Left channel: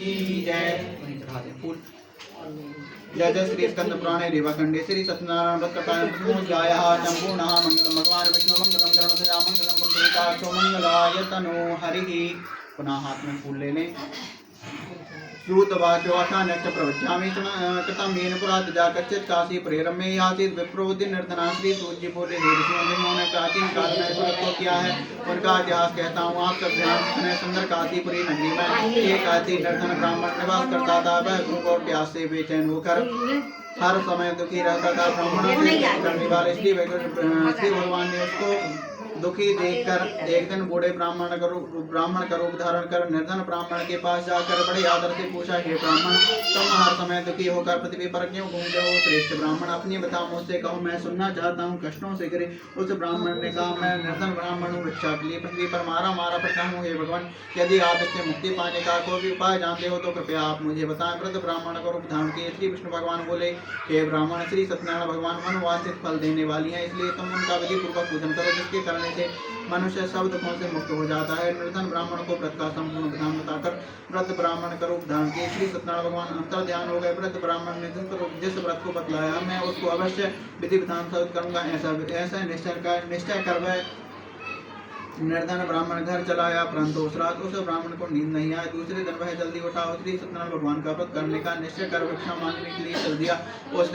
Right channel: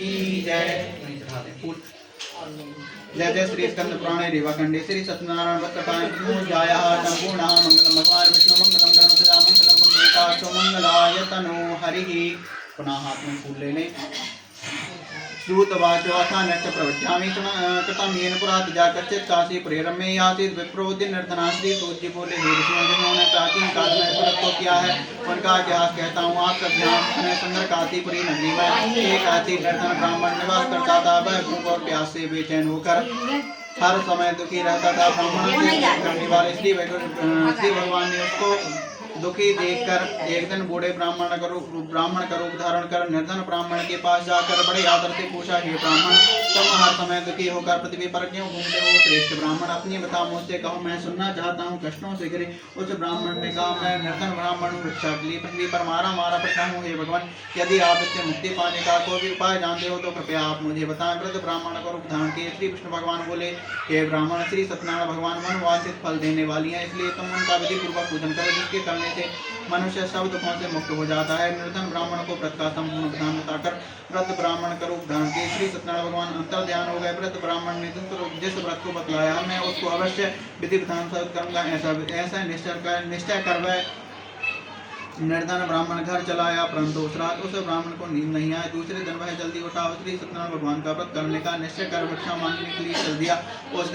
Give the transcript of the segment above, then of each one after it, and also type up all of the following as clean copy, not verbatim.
की जय। जय जय श्री स्कंद पुराणे रेवाखंडे श्री सत्यनारायण व्रत कथायां जाया संपूर्ण मंगलम भगवान विष्णु मंगलम गरुड़ध्वजा मंगलम पुंडरीकाक्षो मंगलाय तनो हरि। पुनः हाथ में फूल ले लें। श्रुतवाचो अथान्यश्च प्रवक्ष्यामि कृतं येन पुरा तजाकच्चित् काशी प्रेरमे आसीत् विप्रोदि निर्धना श्री सूर्य बोले हे ऋषियों जिन्होंने प्राचीन काल में व्रत किया है उनका इतिहास कहता हूँ। आप सब ध्यान में सुंदर काशीपुरी नगरी में एक ऐसी निर्धन ब्राह्मण निवास करता था। वह भूख और प्यास से बेचैन होकर हर समय दुखी रहता था। ब्राह्मणों से करने वाले श्री भगवान ने उसको दुखी देखकर एक दिन बूढ़े ब्राह्मण का रूप धारण कर निर्धन ब्राह्मण के पास जाकर बड़े आदर से पूछा, हे ब्राह्मण, तुम हर समय दुखी होकर पृथ्वी पर क्यों घूमते हो? श्रेष्ठ ब्राह्मण, अपनी बता, मुझसे कहो, मैं सुनना चाहता हूँ, कष्टों से घिरे। उस ब्राह्मण ने कहा, मैं निर्धन ब्राह्मण हूँ, भिक्षा के लिए पृथ्वी पर मारा पड़ता हूँ। हे भगवान, यदि आप इससे मुक्ति पाने का कोई भी उपाय जानते हो तो कृपया आप मुझे बताएं। वृद्ध ब्राह्मण का रूप धारण किए श्री विष्णु भगवान बोले, हे ब्राह्मण, श्री सत्यनारायण भगवान मनवांछित फल देने वाली है, इसलिए तुम उनका विधि पूर्वक पूजन करो, जिसके करने से मनुष्य सब दुखों से मुक्त हो जाता है। निर्धन ब्राह्मण को व्रत का संपूर्ण विधान बताकर व्रत ब्राह्मण का रूप धारण किए श्री सत्यनारायण भगवान अंतर ध्यान हो गए। व्रत ब्राह्मण ने जिस व्रत को बतलाया मैं उसको अवश्य विधि विधान से करूंगा, ऐसा निश्चय कर वह निर्धन ब्राह्मण घर चलाया। परंतु उस रात उस ब्राह्मण को नींद नहीं आई। दूसरे दिन वह जल्दी उठा, श्री सत्यनारायण भगवान का व्रत करने का निश्चय कर भिक्षा मांगने के लिए चल दिया। उस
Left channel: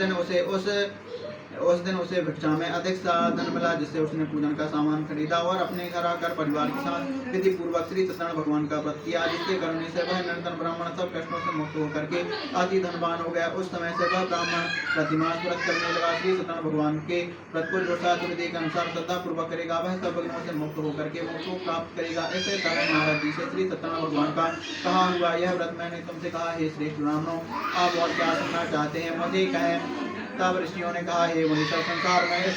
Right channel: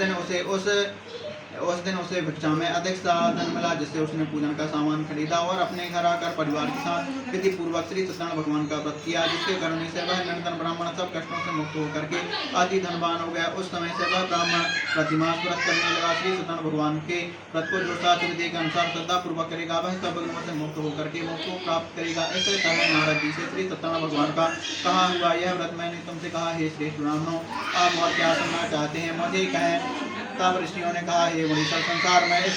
दिन उसे भिक्षा में अधिक धन मिला, जिससे उसने पूजन का सामान खरीदा और अपने घर आकर परिवार के साथ विधि पूर्वक श्री सत्यनारायण भगवान का व्रत किया, जिसके करने से वह निर्धन ब्राह्मण सब कष्टों से मुक्त होकर के अति धनवान हो गया। उस समय से वह ब्राह्मण प्रतिमास व्रत करने लगा। श्री सत्यनारायण भगवान के व्रत को जो शास्त्र विधि के अनुसार श्रद्धा पूर्वक करेगा वह सब विघ्नों से मुक्त होकर के मोक्ष को प्राप्त करेगा। ऐसे तरह नारद जी से श्री सत्यनारायण भगवान का कहा हुआ यह व्रत मैंने तुमसे कहा। हे श्रेष्ठ ब्राह्मणों, आप और क्या सुनना चाहते हैं, मुझे कहें। तब ऋषियों ने कहा, हे मुनीश्वर, संसार में इस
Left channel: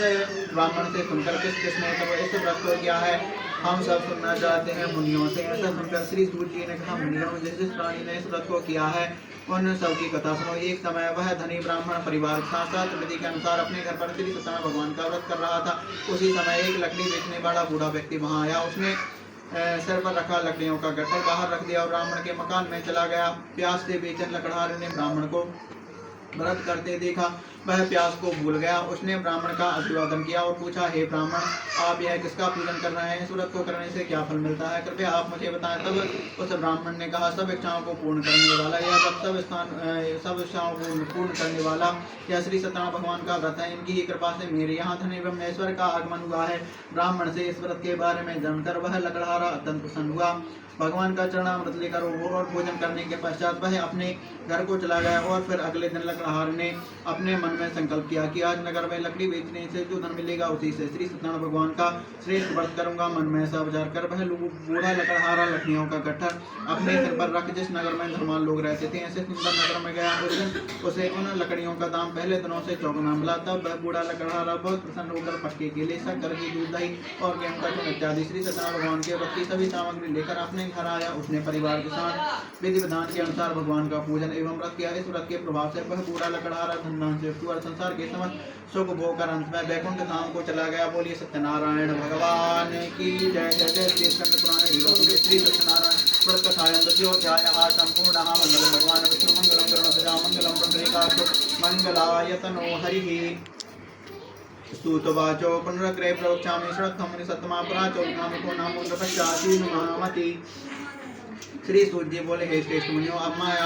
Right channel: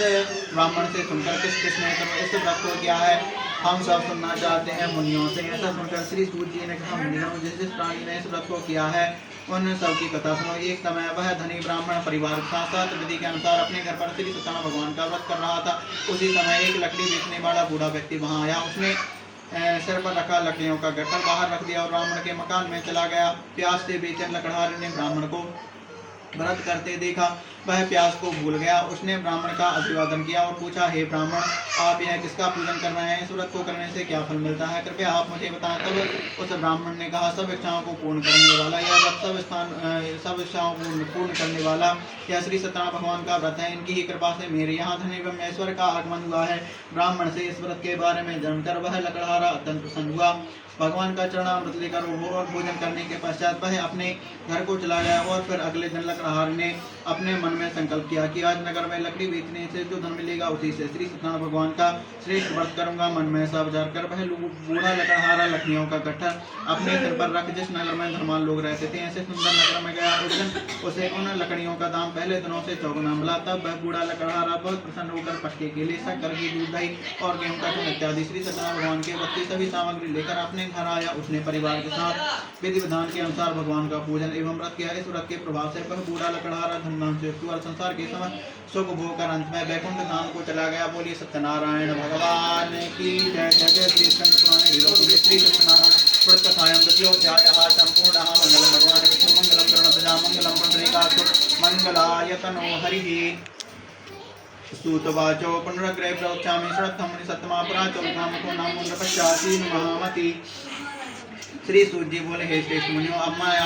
ब्राह्मण से सुनकर किसने इस व्रत को किया है, हम सब सुनना चाहते हैं मुनियों से। ऐसा सुनकर श्री सूर्य जी ने कहा, मुनियों, जिस प्राणी ने इस व्रत को किया है उन सब की कथा सुनो। एक समय वह धनी ब्राह्मण परिवार के साथ विधि के अनुसार अपने घर पर श्री सत्यनारायण भगवान का व्रत कर रहा था। उसी समय एक लकड़ी बेचने वाला बूढ़ा व्यक्ति वहां आया। उसने सिर पर रखा लकड़ियों का गट्ठर बाहर रख दिया और ब्राह्मण के मकान में चला गया। प्यास से बेचैन लकड़हारे ने ब्राह्मण को व्रत करते देखा, वह प्यास को भूल गया। उसने ब्राह्मण का अभिवादन किया और पूछा, हे ब्राह्मण, आप यह किसका पूजन कर रहे हैं? इस व्रत को करने से क्या फल मिलता है, कृपया आप मुझे बताएं। तब उस ब्राह्मण ने कहा, सब इच्छाओं को पूर्ण करने वाला यह व्रत सब इच्छाओं को पूर्ण करने वाला यह श्री सत्यनारायण भगवान का व्रत है। इनकी ही कृपा से मेरे यहाँ धन एवं ऐश्वर्य का आगमन हुआ है। ब्राह्मण से इस व्रत के बारे में जानकर वह लकड़हारा अत्यंत प्रसन्न हुआ। भगवान का चरणामृत लेकर और भोजन करने के पश्चात वह अपने घर को चला गया। और फिर अगले दिन लकड़हार ने अपने मन में संकल्प किया कि आज नगर में लकड़ी बेचने से जो धन मिलेगा उसी से श्री सत्यनारायण भगवान का श्रेष्ठ व्रत करूंगा। मन में ऐसा विचार कर वह बूढ़ा लकड़हारा लकड़ियों का गट्ठर अपने सिर पर रख जिस नगर में धनवान लोग रहते थे ऐसे सुंदर नगर में गया। उस दिन उसे उन लकड़ियों का दाम पहले दिनों से चौगुना मिला। तब वह बूढ़ा लकड़हारा बहुत प्रसन्न होकर पटके के लिए शक्कर की दूध दही और गेहूं का चूर्ण इत्यादि श्री सत्यनारायण भगवान के व्रत की सभी सामग्री लेकर अपने घर आया। उसने परिवार के साथ विधि विधान के अनुसार भगवान का पूजन एवं व्रत किया। इस व्रत के प्रभाव से वह बूढ़ा लकड़हारा धनवान से और संसार के समस्त सुख भोग कर अंत में वैकुंठ धाम को चला गया। बोलिए सत्यनारायण भगवान की जय। जय जय श्री स्कंद पुराणे श्री सत्यनारायण व्रत कथायां द्वितीयोऽध्यायः सम्पूर्णः। मंगलम भगवान विष्णु मंगलम गरुड़ध्वजा मंगलम पुंडरीकाक्षो मंगलाय तनो हरिः। स्तुतवाचो पुनरग्रे प्रवक्ष्यामि श्रद्धं मुनिसत्तमा पुराचो विद्वांसो नामो पश्चाति महामति। श्री सूर्य जी बोले, हे श्रेष्ठ मुनियों, अब मैं